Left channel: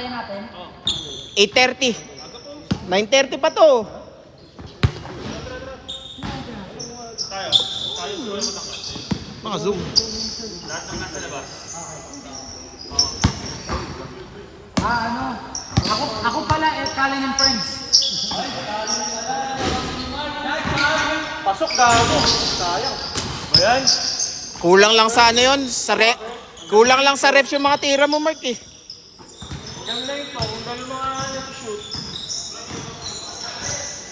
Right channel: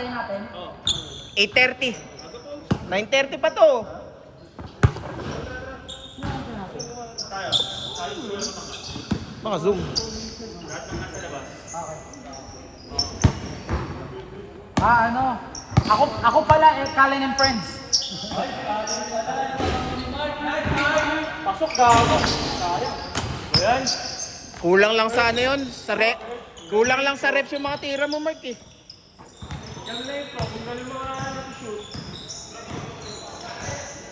Antayin natin. 8:30. 9:30 pa to. Mga zoom. Ano? Ako pala, Callan and Friends. Pasok gago. Sayang. Ayan. Kulang lang sa ano yun, kulang lang sa reps yung mga tira mo, Mark eh. Yan na ito, kung gano'n mga nag-shoot.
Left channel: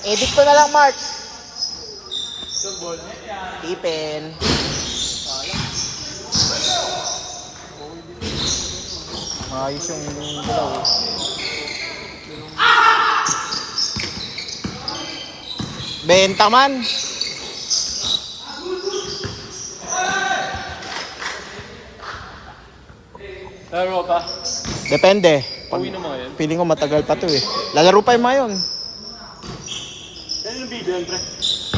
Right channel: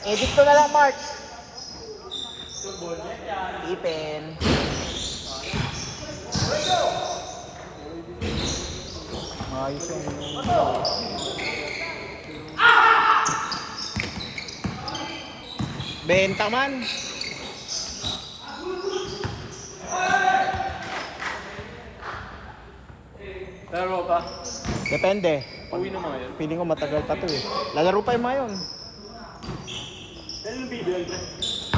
Edit ko na lang, Mark. Good ball. Tipin. Ayos yung benta man. Laro pa. Depende. Uwi na mga yan. Feeling ko matagal pa to eh. Lalaro pa yung mga yun. Yan yung video yan, pre.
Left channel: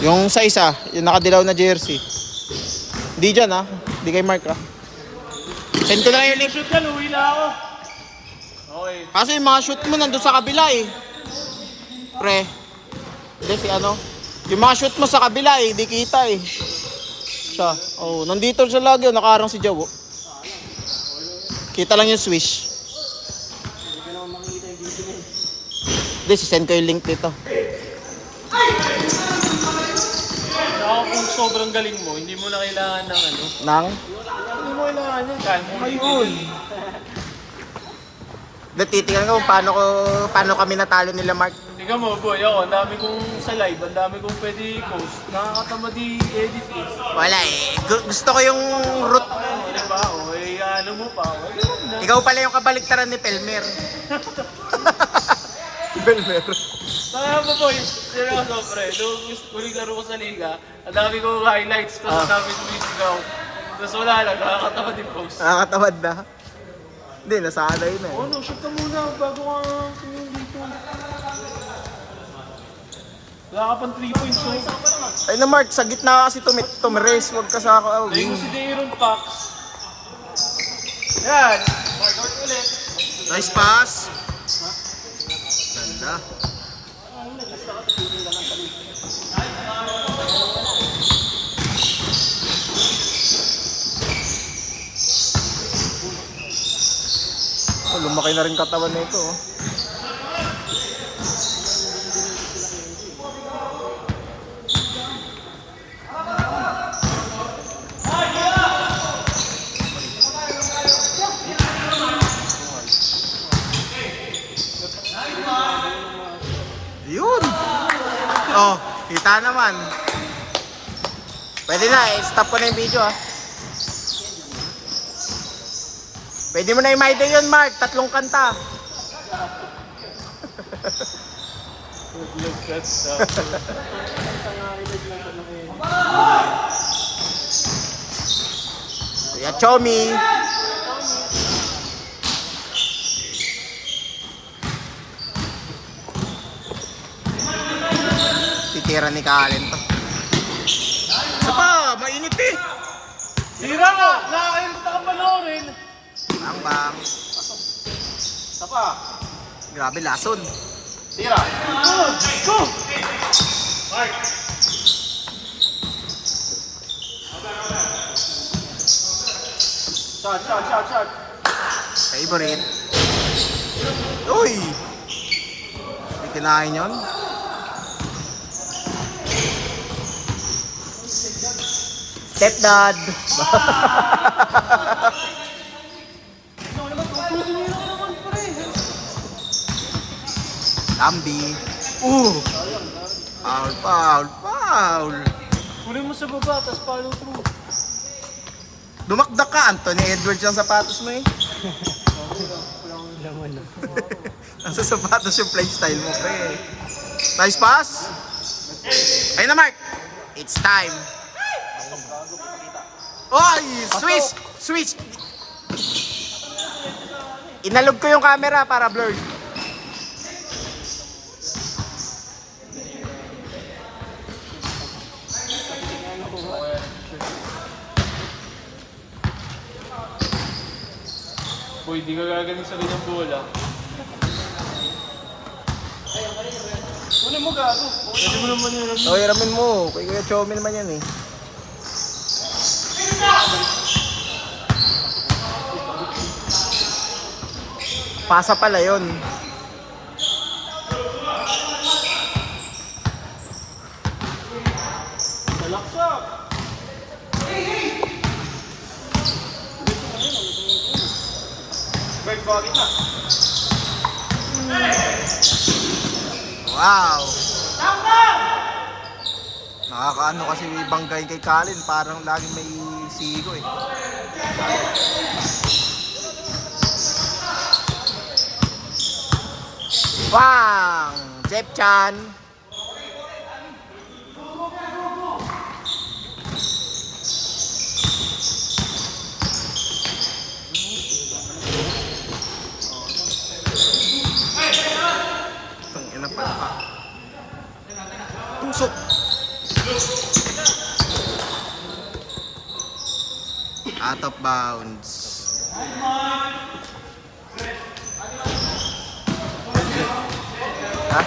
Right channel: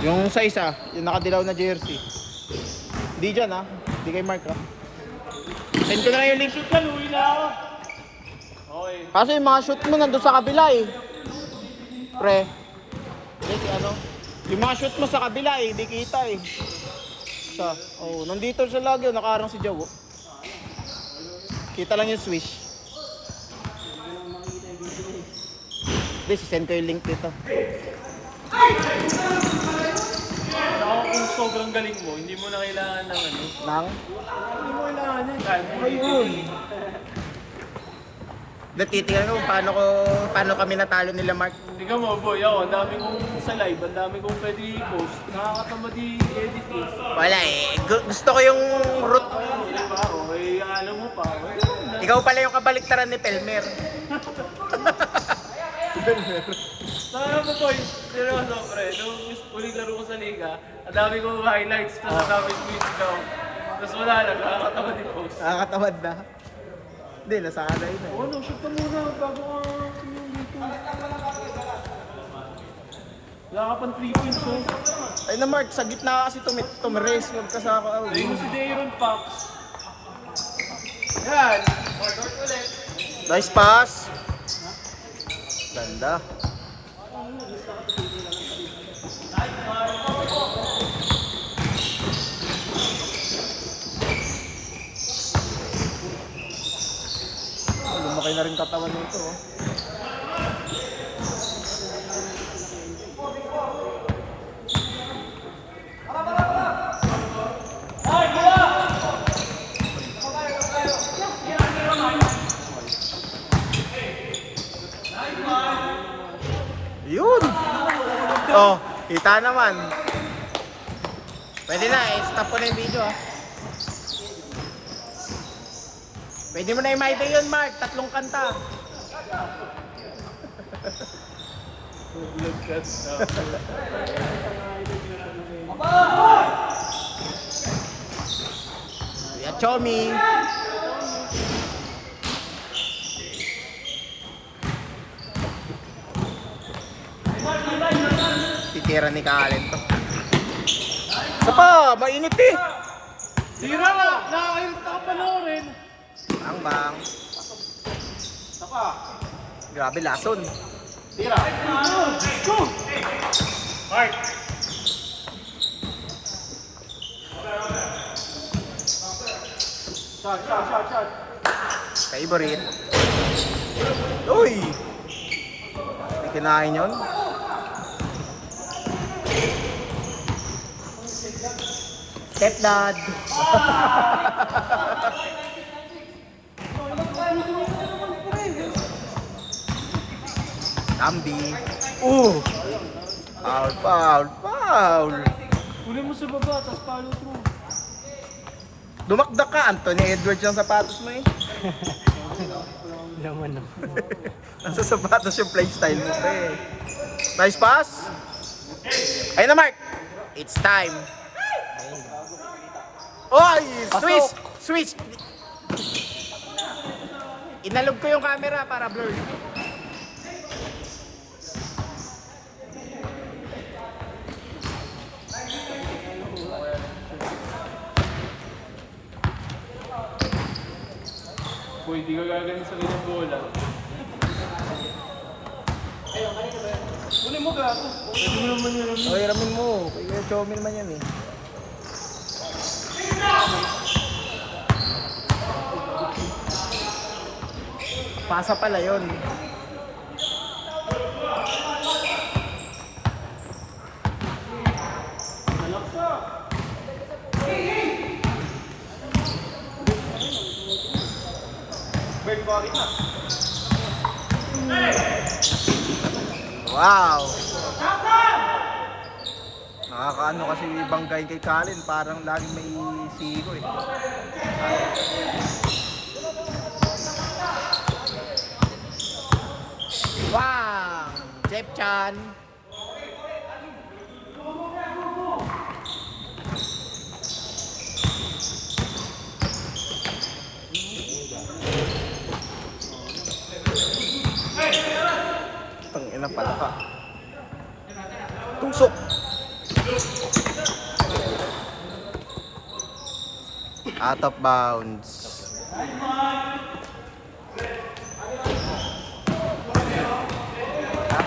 Yung sa isa, yung nakadilaw na jersey. Di dyan ah. Di kay Mark ah. Send ko na lang yung link. Shoot yan, uwi na ako. Okay. Kaso yung mga shoot mo nandun sa kabila eh. Pre. Hindi si ano. Yung mga shoot mo sa kabila eh. Di kita eh. Siya. Oh, nandito siya lagi. Nakaharang si Jawo. Kita lang yung swish. Hindi, sisend ko yung link dito. Ako kung sobrang galing mo, hindi mo na kailangan ng ano. Nang? Hindi mo kailangan yan. Ayun. Titingnan ko kung paano kami natalo nila Mark. Tingnan mo, boy, ako, ang dami kong sa live, ang dami kong pwede i-post. Nakakatamad i-edit eh. Wala eh. Gusto ko yung root. Diba? O, alam mo pa. Ikaw pala yung kabaliktaran ni Pelmer. Pelmer. Parang mo, boy, seryoso, pre. Nung huling laro ko sa liga, ang dami kong highlights, tapos ang dami kong musicaw. Tapos wala lang, nakakatamad i-post. Nakakatamad na. Hindi, nasanay na eh. Oh, no, shoot ka muna bago ka tumingin dito. Wala ka pang 3 points, oh. Ay na Mark, sa gitna kasi tumirace. Huwag ka sa ako. Hindi mo si Dayron Pax. Yan! Nice pass. Ganda. Oh, lumaki na rin katawan nito. Oh. Yun! Oh, kita naman. Pwede na, stop ko na yung video ah. Pwede mo na i-maide yun, Mark. 3 kanta. Kuya Chomi. Titira ni Kalen to. Isa pa, mainit eh. Sira mo! Nakakain ko ka panoorin! Bang bang. Tapa! Grabe lason. Sira! Go! Mark! Shot! Favorite. Uy! Hindi kinain yun. Stepdad. Lambi. Foul. Kunin mo sa baba, tapos follow through. Dumakdak ka, Anthony Edwards yung sapatos mo eh. Nasa sapatos yung playstyle mo pre. Nice pass. Ayun na Mark. It's time. Oy! Switch! Inalog ko yung camera para blurred. Boy, di ka gagaling sa ganyang bola. Kunin mo gago. Pwede mo naman yun. O, hiramin mo. Kay Kuya Chomi naman yan eh. Pasa pala yun. Wow! Nakakaano kasi banggain kay Kalin, parang laging may sigo eh. Wow! Jeff Chan! Tangina pala ka. Tusok! Out of bounds. Ha?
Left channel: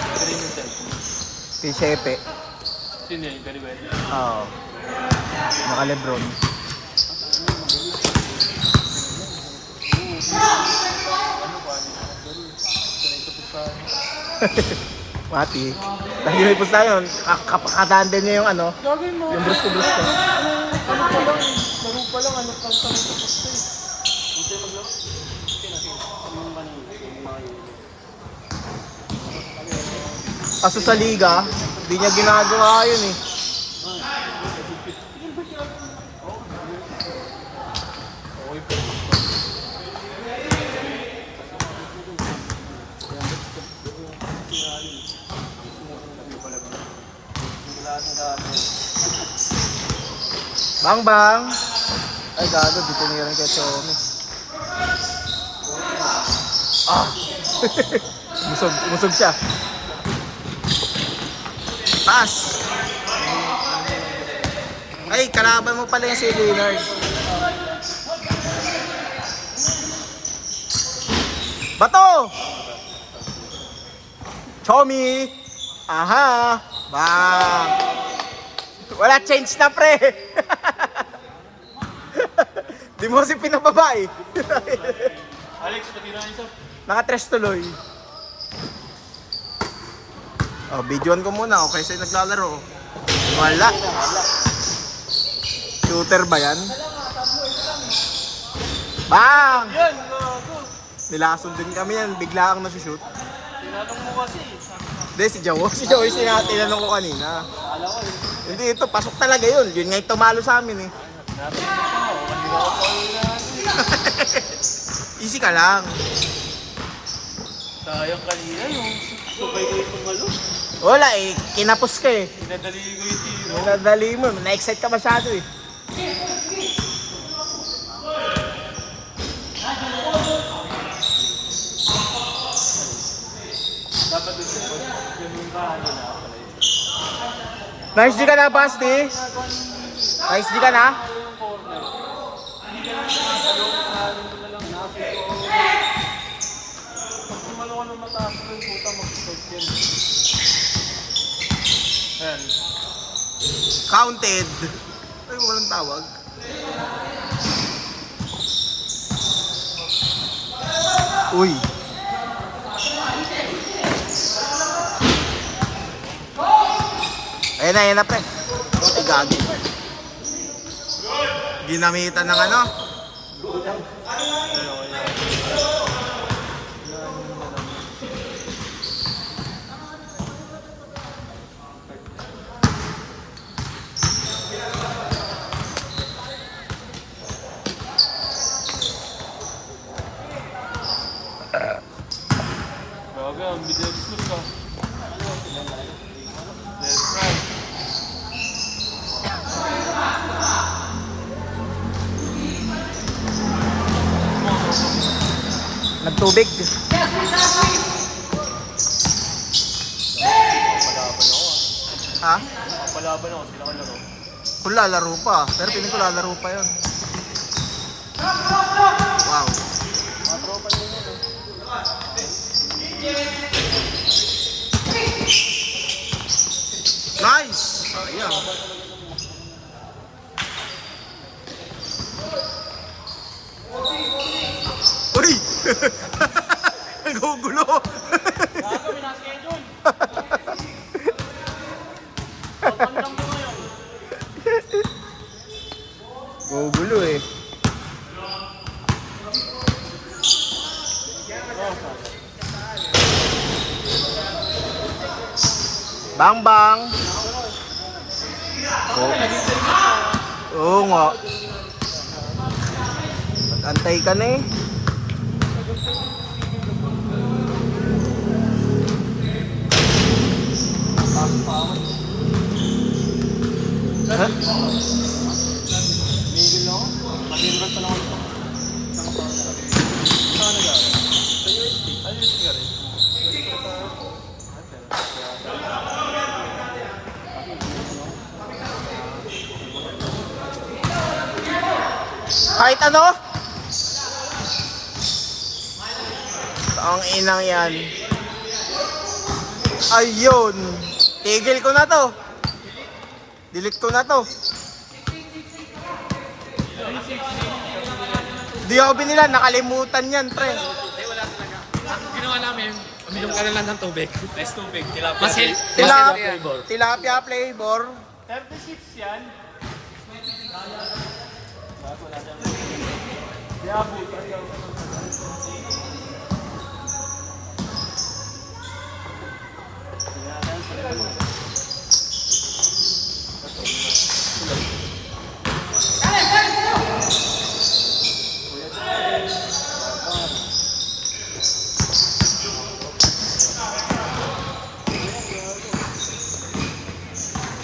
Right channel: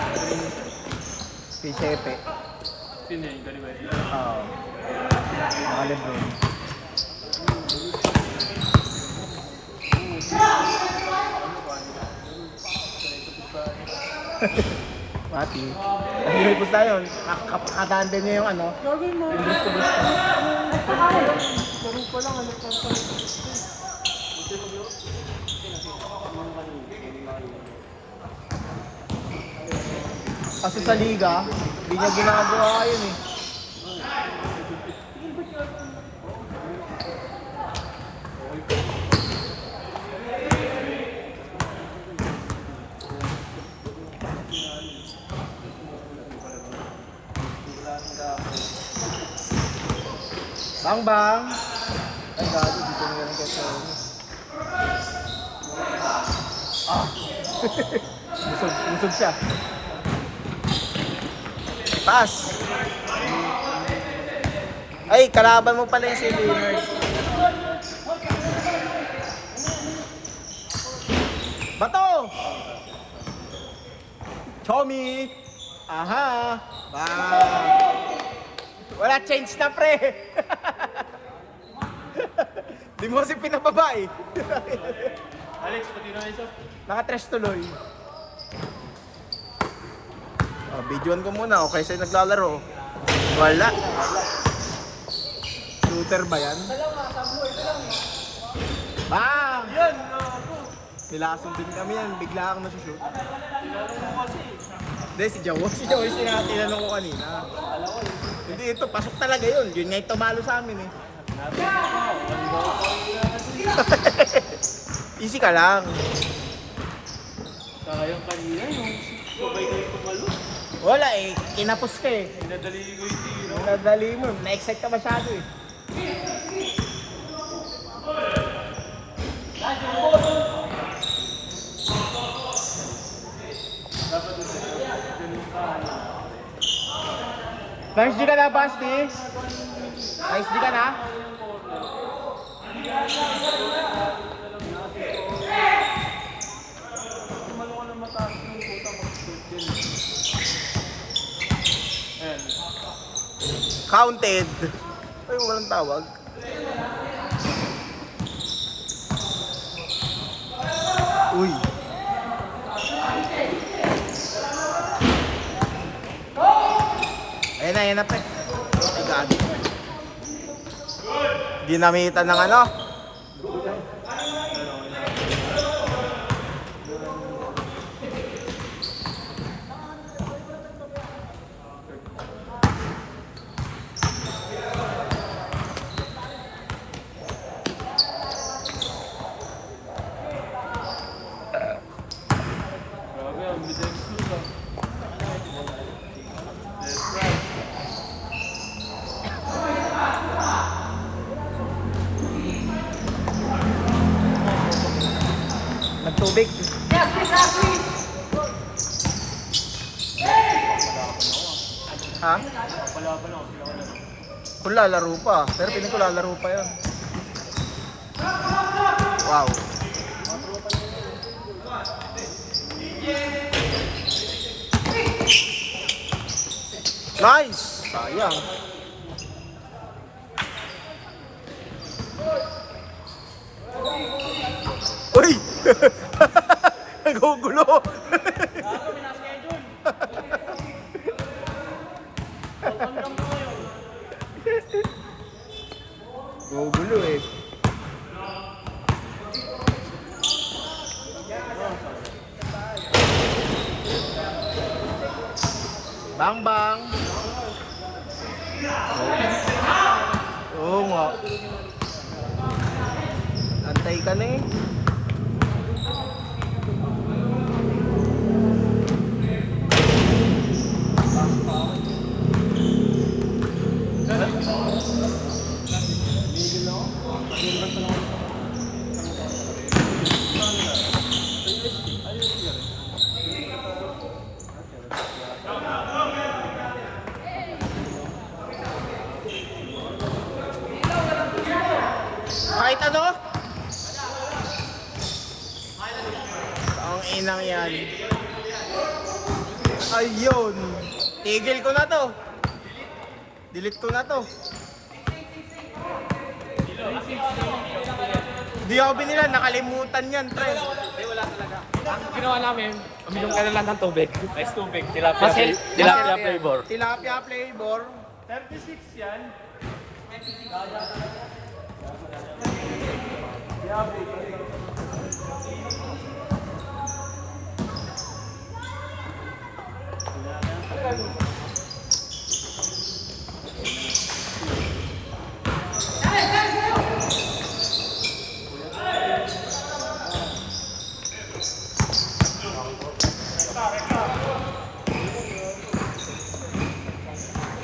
Pisepe. Sino yun? Gariwet. Oo. Mga Lebron. Mati. Nahihipos na yun. Kataan din niya yung ano. Gagawin mo. Yung brusto-brusto. Laro pa lang. Ano pang pala. Hindi maglaro. Kaso sa liga, hindi niya ginagawa yun eh. Bang bang! Ay gago, dito niya rin kay Tommy. Ah! Musog siya. Pass! Ay, kalaban mo pala yung si Leonard. Bato! Chomi! Aha! Bang! Wala change na pre! Di mo kasi pinababa eh. Alex, pati na isa. Naka-tres tuloy. Oh, videoan ko muna, okay sa'yo naglalaro. Wala. Shooter ba yan? Bang! Yan, gago. Nilason din kami yan, bigla kang nasushoot. Tinanong mo kasi. Hindi, si Jowo. Si Jowo yung tinanong ko kanina. Akala ko eh. Hindi, ito, pasok talaga yun. Yun nga yung tumalo sa amin eh. Easy ka lang. Sayang kanina yung sabay ko yung pagalo. Wala eh, kinapos ka eh. Pinadali ko yung tiro. Nadali mo, na-excite ka masyado eh. Nice di ka na, Basti. Nice di ka na. Counted. Ay, walang tawag. Uy. Ayan na pre. Ay, gagi. Ginamitan ng ano? Gago, ang bigas ko ka. That's right. Nagtubig. Ha? Palaban ako sila kanina. Kung lalaro pa. Pero piling ko lalaro pa yun. Wow. Nice! Sayang. Uy! Nagugulo! Gugulo eh. Bang bang. Oo nga. Antay ka na eh. Kahit ano? Ang inang yan. Ayun. Tigil ko na to. Delete ko na to. Di ako binila, nakalimutan yan, pre. Ginawa namin, uminom ka na lang ng tubig. Best tubig, tilapia. Mas Tilapia flavor. Tilapia flavor. 36 yan.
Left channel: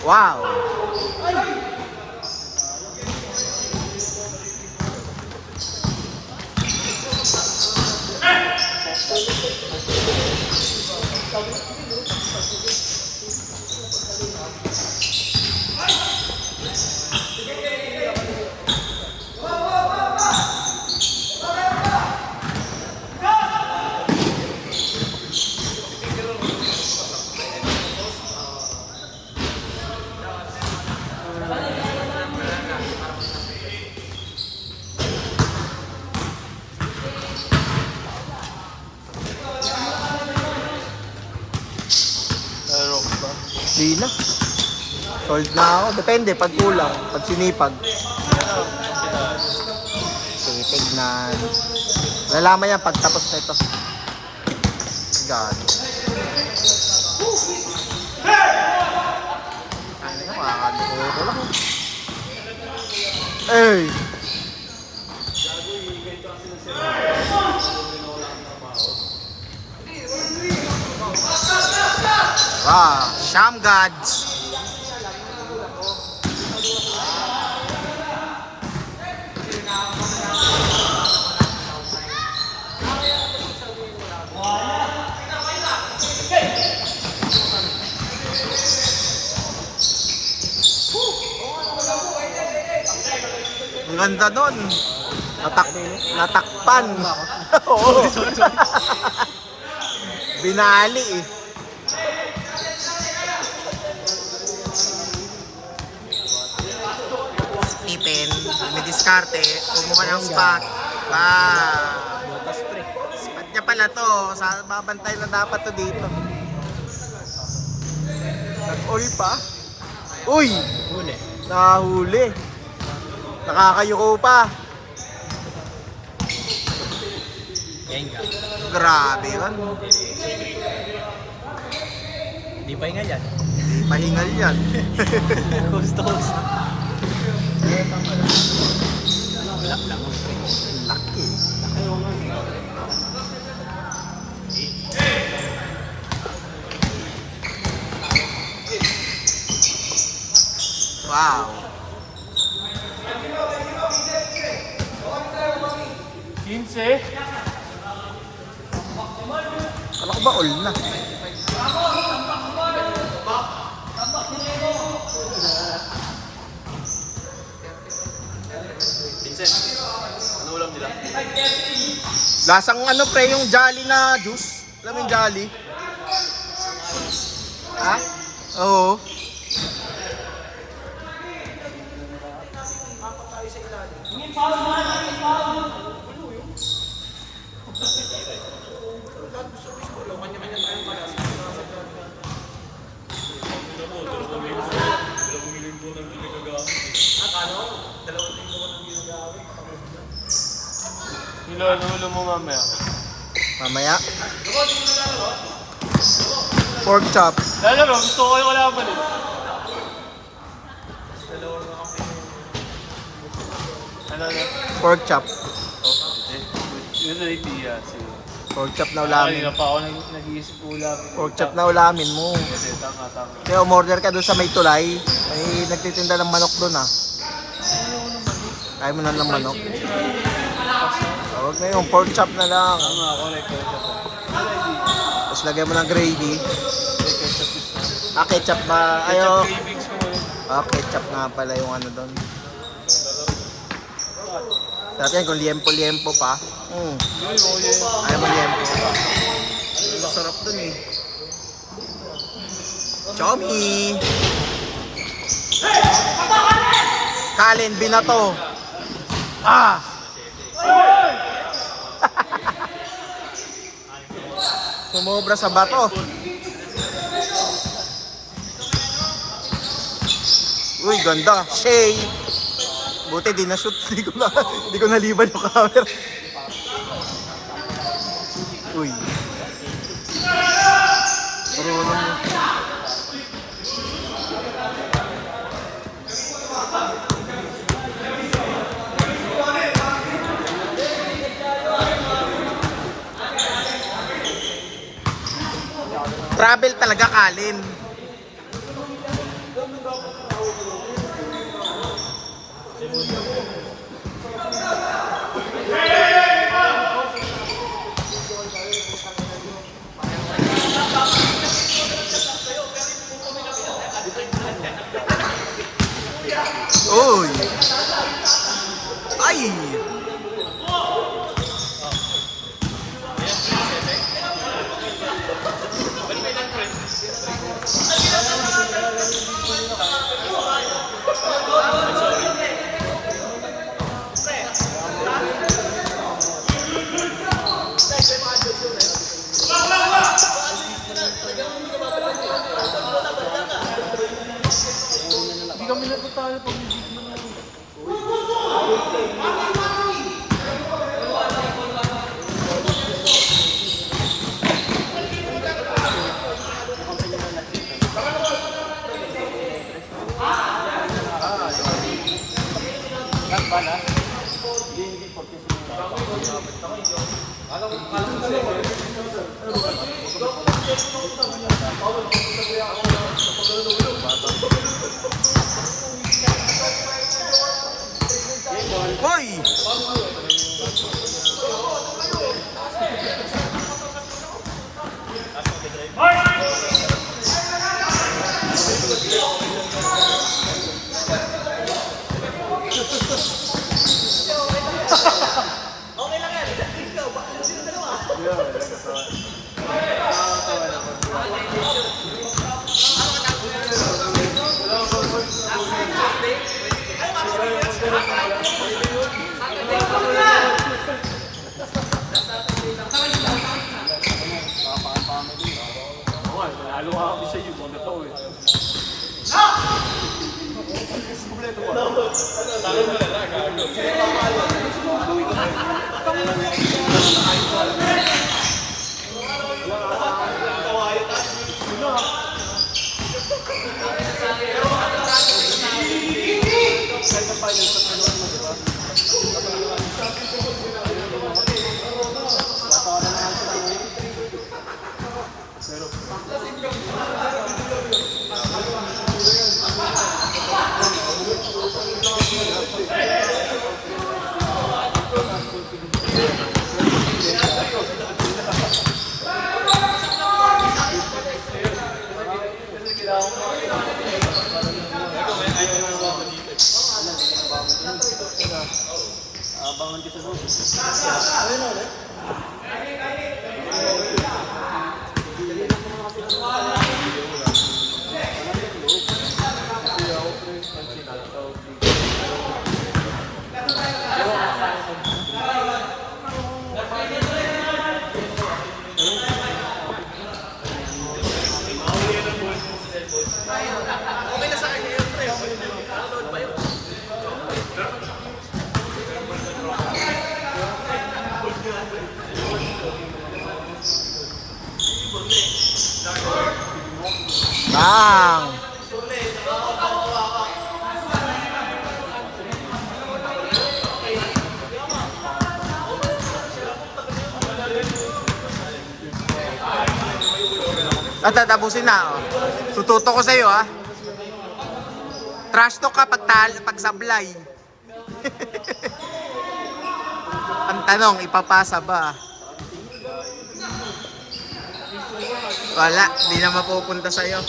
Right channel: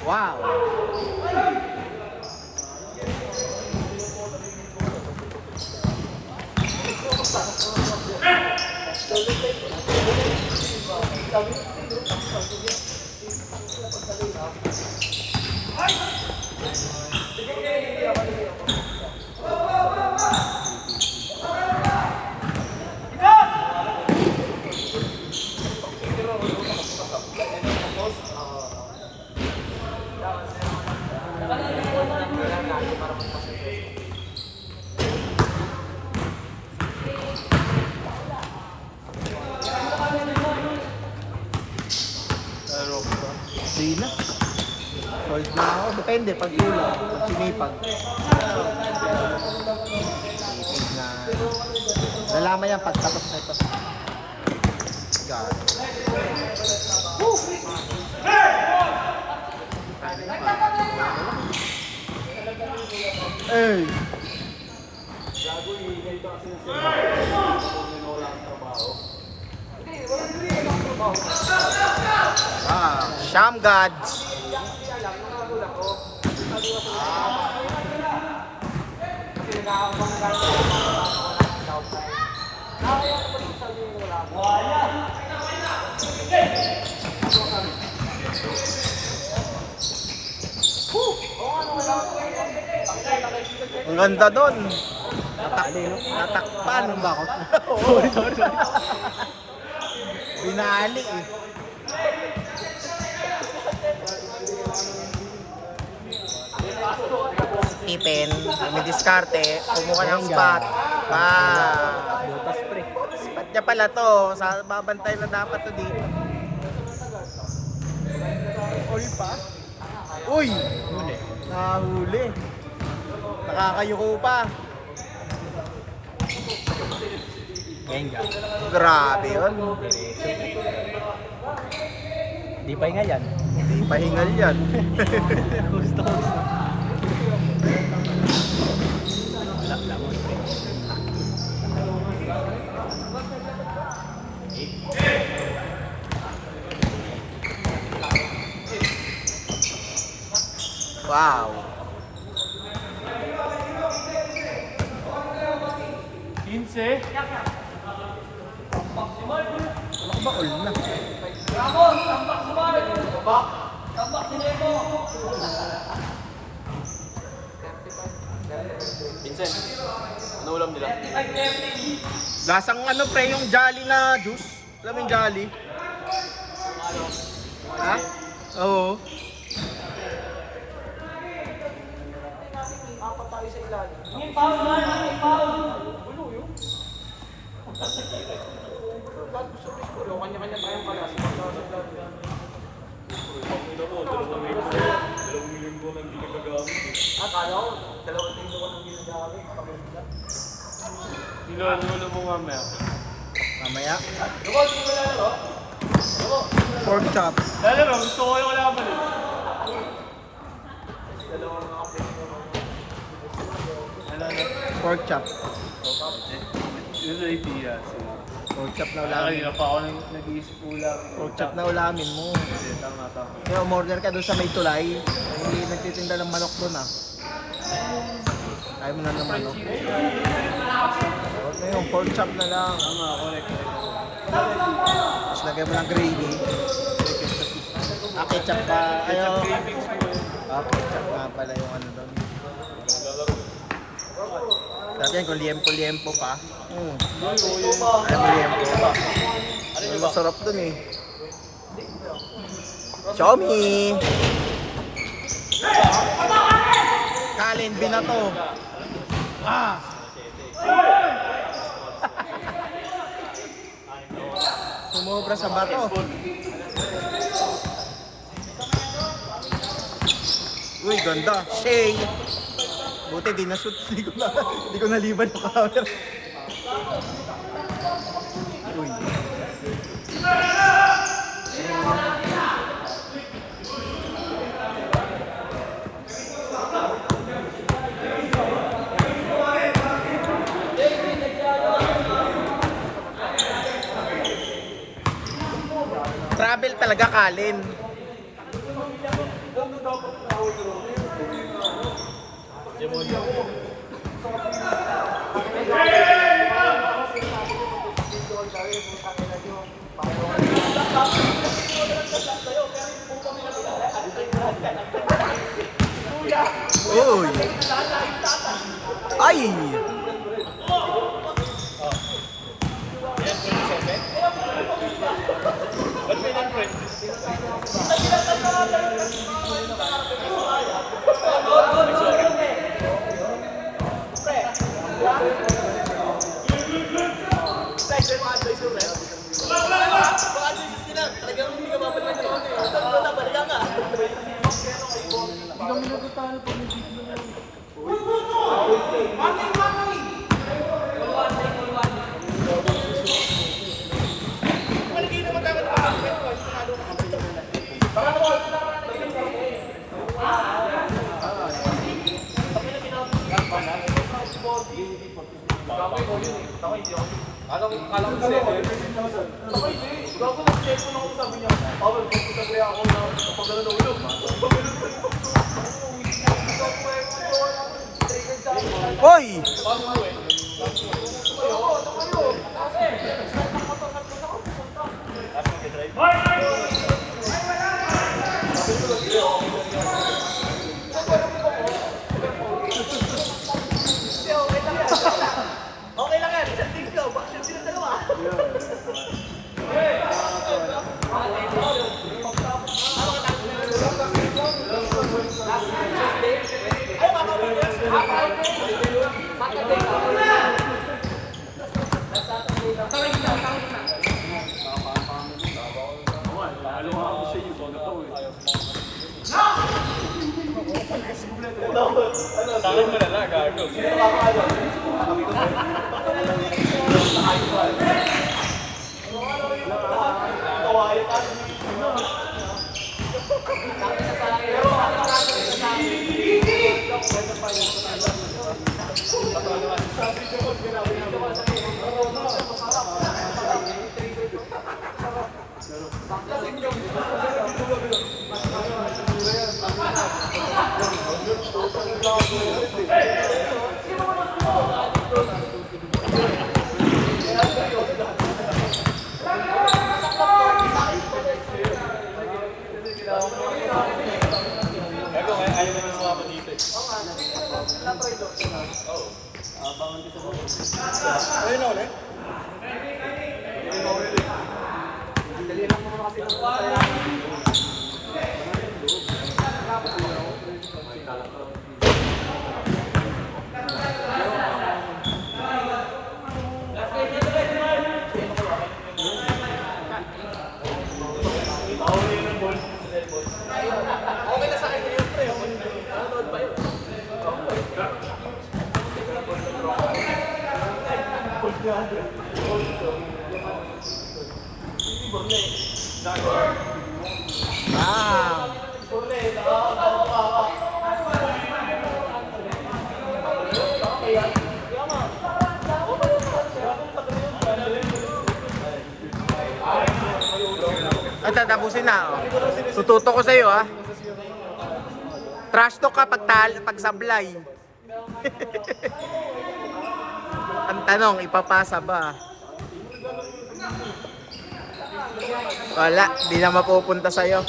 Wow. Di na. Sold na ako. Depende pag kulang, pag sinipag. Sinipag na. Nalaman yan pag tapos na ito. God. Ay na nga, makakalimutan ko lang. Hey! Ah, Sham Gods. Ang ganda doon. Natakpan. Oo. Binali eh. Stephen, dumidiskarte, kumuha ng spot. Spot niya pala to. Babantay na dapat to dito. All pa? Uy! Huli. Nahuli. Nakakayuko pa. Enga. Grabe yun. Di pa nga yan. Hindi pahingal yan. Gusto. Wala lang mo, pre. Wow. 15. Ano ko ba all na? Vincent, ano ulam nila? Lasang ano pre, yung Jolly na juice. Alam mo yung Jolly? Ha? Oo. Nilalulo mo mamaya. Mamaya. Pork chop. Lalaro, gusto ko yung kalaban eh. Ano na? Pork chop. Yun sa idea. Sige. Pork chop na ulamin. Kanina pa ako nag-iisip ulam. Pork chop na ulamin mo. Kasi tama. Kaya umorder ka doon sa may tulay. May nagtitinda ng manok doon ah. Ayaw mo na ng manok. Okay, yung pork chop na lang. Ano ako, like, Tapos lagay mo ng gravy. Ah, ketchup ba? Ayo. cravings ko. Ah, ketchup nga pala yung ano doon. Dati yan kung liempo-liempo pa. Ayaw mo liempo. Masarap doon eh. Chomi! Kalin, binato. Ah! Sumobra sa bato. Uy, ganda. Shay! Buti di na-shoot. Di ko naliban yung camera. Uy. Travel talaga, Kalin. Uy! Ay! Hoy! Bang! At tatapusin na, oh. Tututo ko sa'yo, ha. Trash talk ka pag sablay. Ang tanong, ipapasa ba? Wala, di na mapupunta sa'yo.